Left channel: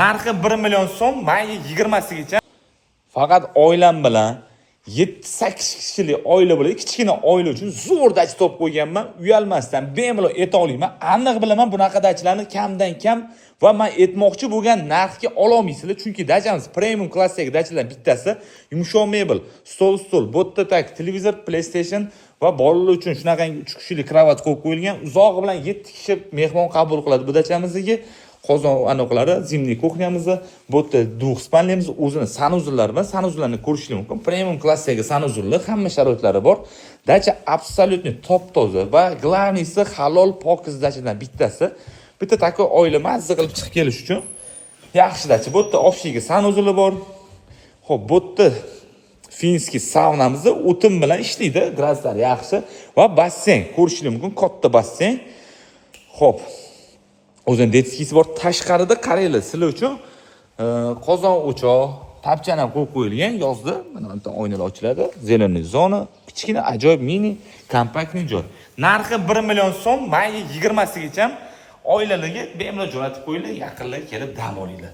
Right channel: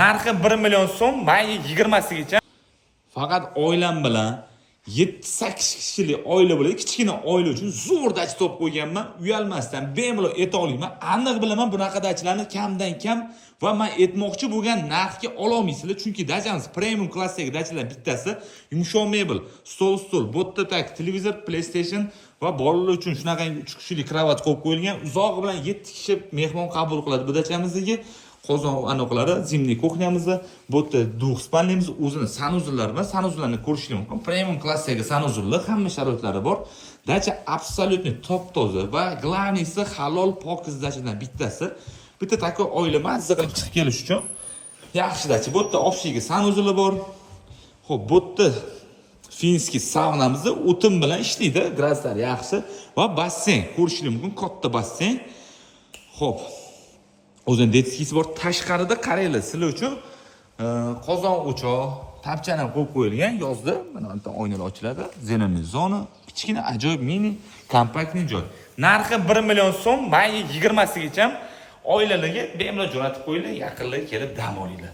Narxi 1 million so'm, may 20sigacha. Faqat oilam bilan 7-8 kishilik oila bo'ladi. Kichkina oila uchun zo'r dach top qo'yganman. Uyalmasdan bemalol eta olaman. Aniq bilaman bunaqa dachlarni kamdan kam va men aytmoqchi bo'lgan narxga ola olmaysizlar, chunki dachamiz premium klassdagi dachalardan bittasi yumshoq mebel, stol, bo'tta tak, televizor, PlayStation va bolalar uchun shunaqangi 3 kishilik kravat qo'yib qo'yilgan. Uzog'i bilan 7 kishi mehmon qabul qiladi bu dachamizga. Qozon anaqalari, zimniy kuxnyamizni, bo'tta duxspanlimiz, o'zini sanuzullar bilan sanuzlarni ko'rishingiz mumkin. Premium klassdagi sanuzullar, hamma sharoitlari bor. Dacha absolyutni top-toza va glavniysi halol pokiz dachadan bittasi. Bitta takoy oila mazza qilib chiqib kelish uchun yaxshi dacha. Bo'tta ofshigi sanuzuli bor. Xo'p, bo'tta finskiy saunamizda o'tin bilan ishlaydi, graduslar yaxshi va basseyn ko'rishingiz mumkin, katta basseyn. Xo'p, o'zining detskisi bor. Tashqarida qaranglar, sizlar uchun qozon o'choq, tapchani ham qo'yib qo'yilgan yozda. Mana bu oynalar ochiladi. Zeleniy zona, kichkina ajoyib mini kompaktniy joy. Narxi 1 million so'm, may 20sigacha oilalarga bemalol jo'natib qo'yinglar, yaqinlarga kelib dam olinglar.